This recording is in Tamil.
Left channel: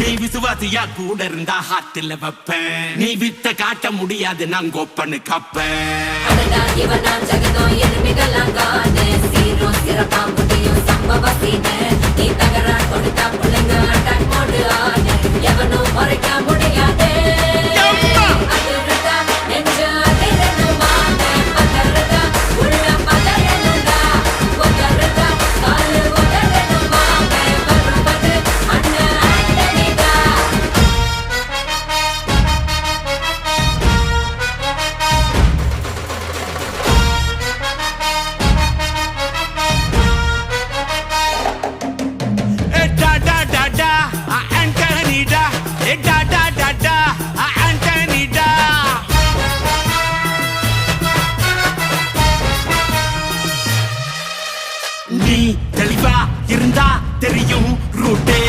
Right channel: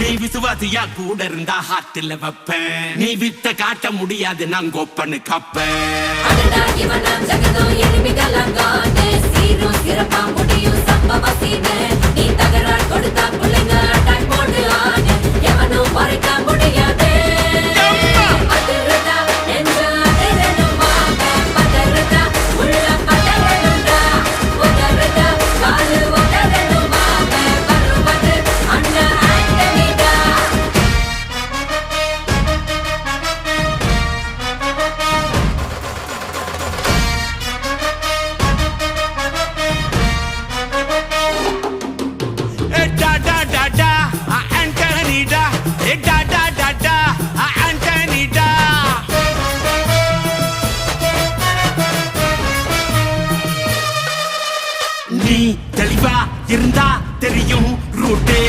நீ விசுவாசியா கூட இருந்தா ஹார்ட்ல வைப்பேன். நீ வித்த காட்ட முடியாது நான் கோப்பனு கப்பேன். ஜகதம் எருமிகளாங்கான சீரும் சிறப்பா முடியும் சம்பவ சீனு. நீ தகரா கொடுத்தா பிள்ளைங்க அட்டாக் மோடு ஆன எவனும் மறைக்க முடியாதே. அதிரதா நெஞ்சு அதிரணும் மாம பதறதா உள்ள பதறணும்டா. உதறதா காலு உதறணும் மாம வருவது அண்ணன் ஆண்டனிடா. Da da da da, Anthony da. Da da da da, Anthony da. நீ தெளிவா இருந்தா தெரியும் ரூட்டே.